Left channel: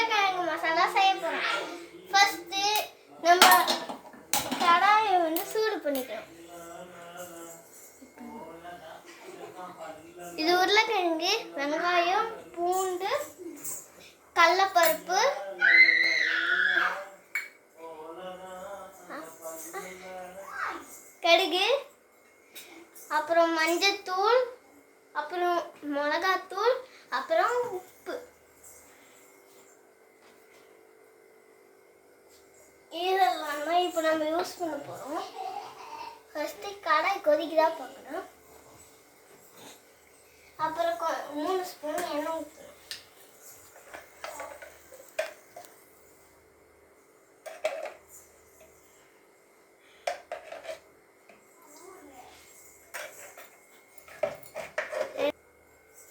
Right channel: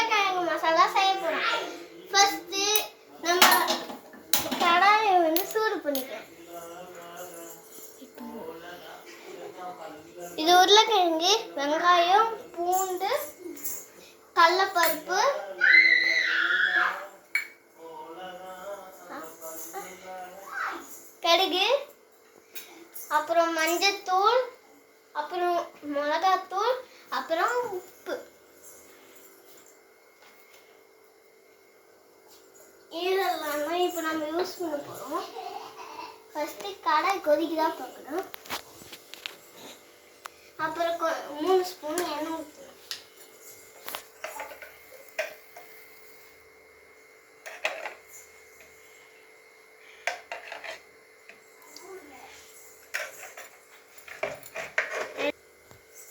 உருளைக்கிழங்கு மசாலா செய்ய போகிறோம். ஃபஸ்ட்டு நம்ம கடாயை வந்து சூடு பண்ணிக்கலாம். இது உருளைக்கிழங்கு, வெங்காயம், பூண்டு, கடலைப்பருப்பு, கடுகு, அப்புறம் மஞ்சத்தூள், அப்புறம் மிளகாத்தூள், அப்புறம் உப்பு. இதெல்லாம் இப்போ நம்ம யூஸ் பண்ண போகிறோம். ஃபஸ்ட்டு கடாய் கொதிக்குதா பார்க்கணும். அப்புறம் 3 ஸ்பூன் எண்ணெய் ஊற்றணும்.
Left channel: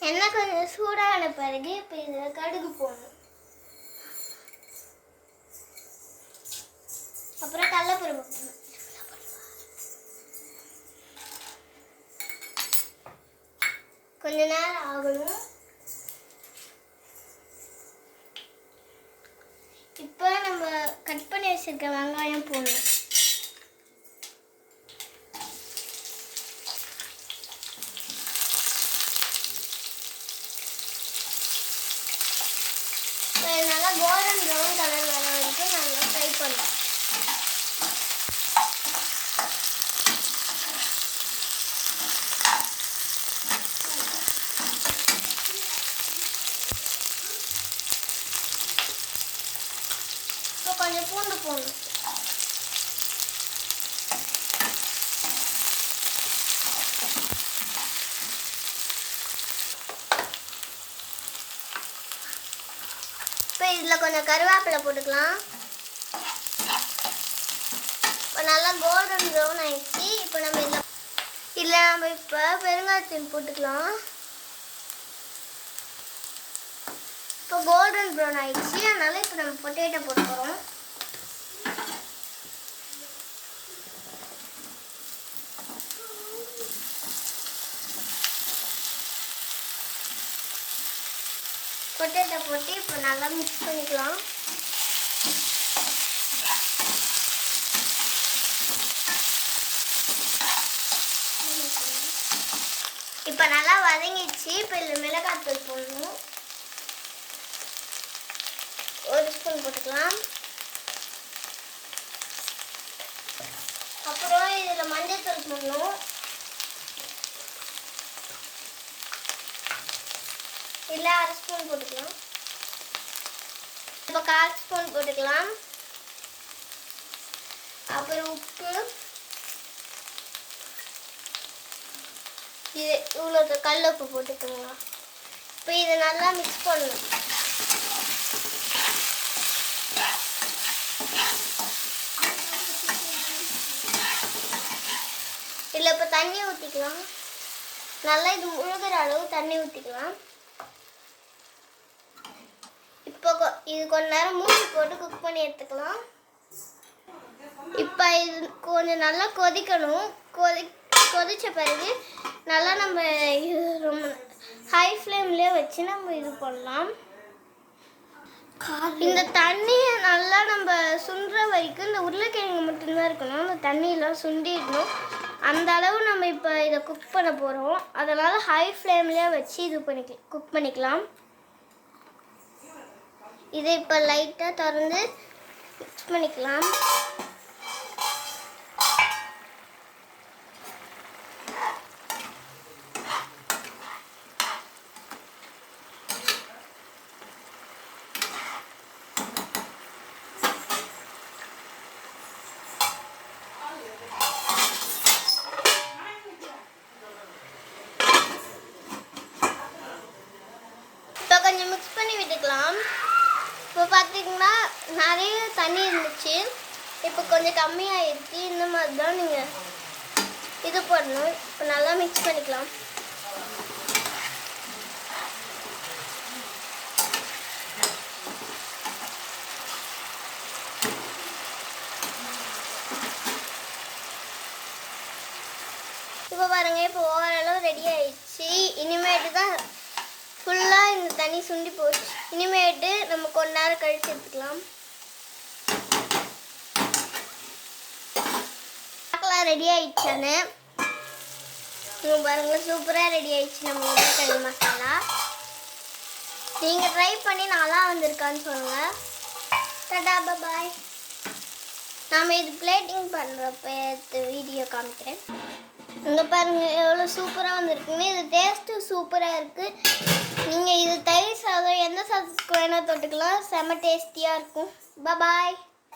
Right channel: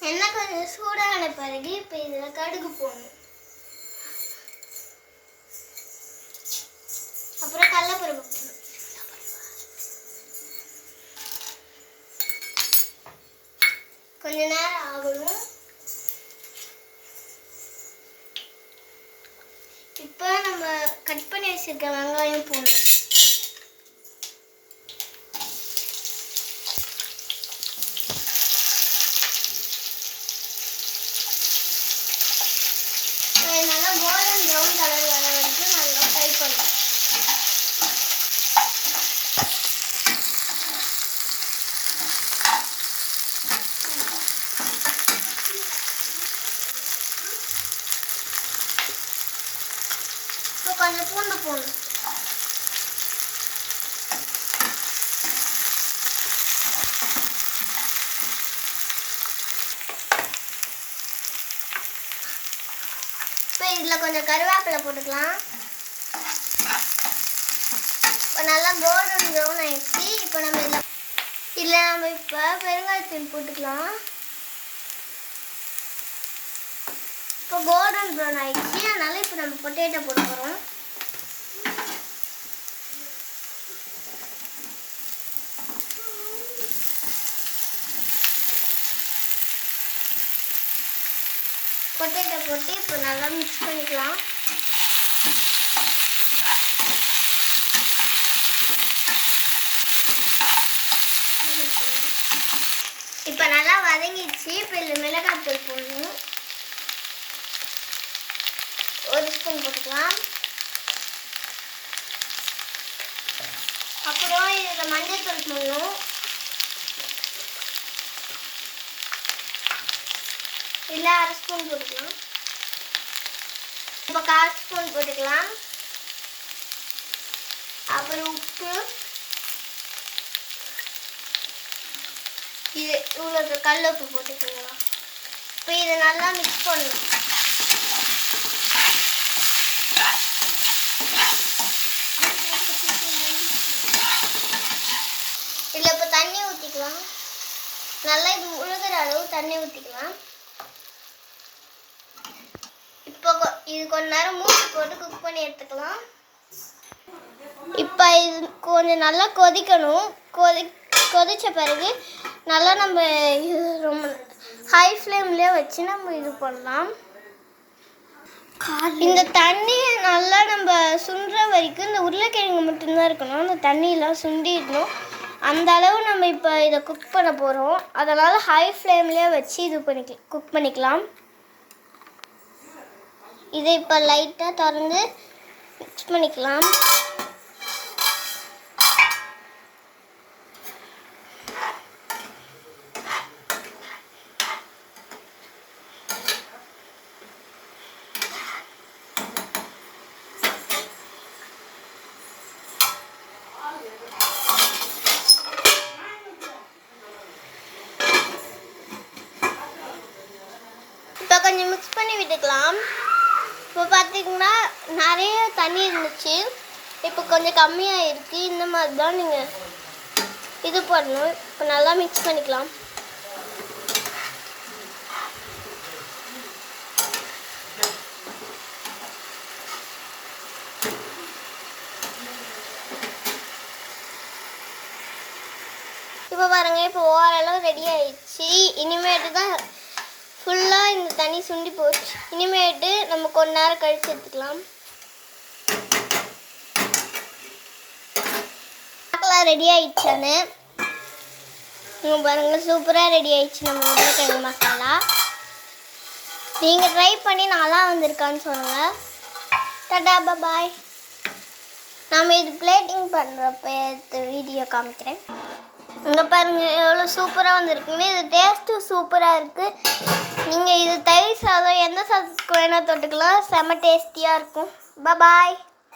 எண்ணெய் கொஞ்சம் சூடான பிறகு இப்போ இதில் கடுகு போடணும். அப்புறம் கடலைப்பருப்பு போடணும். கொஞ்ச நேரம் ஆகணும். இப்போ நம்ம கட் பண்ணி வச்சிருக்க வெங்காயம் போடணும். நல்லா கோல்டன் ப்ரௌன் கலர் வர வரைக்கும் நல்லா ஃப்ரை பண்ணணும். இப்போ கொஞ்சம் பூண்டு போடணும். இப்போ இதில் கொஞ்சம் கருவேப்பிலை போட்டுக்கலாம். இப்போ நல்லா கோல்டன் ப்ரௌன் ஆயிடுச்சு. இப்போ நம்ம இதில் இப்போ பெருங்காயத்தூள் போட்டுக்கலாம். இப்போ கோல்டன் ப்ரௌன் ஆயிடுச்சு. அதனால இப்போ நம்ம பொட்டேட்டோ போட போகிறோம். பொட்டேட்டோ போட்டு இப்போ நல்லா மிக்ஸ் பண்ணிக்கலாம். இப்போ நல்லா வதங்கிடுச்சு. இப்போ இதில் மிளகாய்த்தூள் போடணும். 1 ஸ்பூன் போட்டுக்கலாம். அப்புறம் இதில் மஞ்சள்தூள் போடணும். இல்லை 1/2 ஸ்பூன் போட்டுக்கலாம். இப்போ 1/4 ஸ்பூன் போட்டுக்கலாம். அப்புறம் உப்பு, இது இவ்வளோ கல் உப்பு போட்டுக்கலாம். இப்போ இதை நல்லா மிக்ஸ் பண்ணணும். இதில் இப்போ தண்ணி ஊற்றிக்கலாம். நல்லா இது முழுகிற அளவு தண்ணி ஊற்றிக்கலாம். இப்போ இது கொஞ்ச நேரம் மூடி போட்டு குக் பண்ணி எடுத்துக்கலாம். இப்போ இது கொஞ்சம் நல்லா கொதிக்கணும். கொதித்த பிறகு நல்லா நம்ம இது ரொம்ப ஹை ஃப்ளேம்லேயே வச்சு நம்ம இது பண்ணலாம். இந்த தண்ணியை நல்லா நம்ம சுண்டுற வரைக்கும் இந்த உருளைக்கிழங்கு மட்டும்தான் இருக்கணும். அந்த தண்ணியெல்லாம் சுண்டிடணும். அந்த அளவு நம்ம இப்போ இதை குக் பண்ண போகிறோம். அதனால் ஹை ஃப்ளேம்லேயே வச்சு இது குக் பண்ணிக்கலாம். இதை இப்போ லைட்டாக திறந்து மிக்ஸ் பண்ணிக்கலாம். இப்போ கொஞ்சம் மிக்ஸ் பண்ணி விட்டுக்கலாம். இப்போ பார்த்தீங்கன்னா நிறைய தண்ணி இருந்துச்சு. இப்போ கொஞ்சம் கம்மியாகிருக்கு. இந்த மாதிரி தான் நீங்கள் இது பண்ணணும். இப்போ நல்லா மிக்ஸ் பண்ணிக்கலாம். இப்போ பாருங்கள், இப்போ ஓரளவு ரெடி ஆயிடுச்சு. இனிமேட்டு தான் ஃபுல்லாக இந்த தண்ணி சுண்டி போச்சு. இனிமேட்டு நம்ம கொஞ்ச நேரம் கழிச்சு எடுத்துக்கலாம். பார்க்கலாம் ரெடி ஆயிடுச்சானு. பாருங்கள் சூப்பராக ரெடி ஆயிடுச்சு நம்ம உருளைக்கிழங்கு மசாலா. நீங்கள் ட்ரை பண்ணி நல்லா வந்திருக்கான்னு சொல்லுங்கள். டாடா பாய். நம்ம இது பிளேட்டிங் பண்ணுறப்ப வீடியோ காமிக்கிறேன். இங்கே பாருங்கள் எவ்வளோ சூப்பராக வந்திருக்குன்னு. இது டேஸ்ட்டும் சூப்பராக இருக்குது. நீங்கள் இது தயிர் சாதம் எந்த சாதத்துக்கு வேணால் தொட்டுக்கலாம். செம்ம டேஸ்டியாக இருக்கும். பாய்.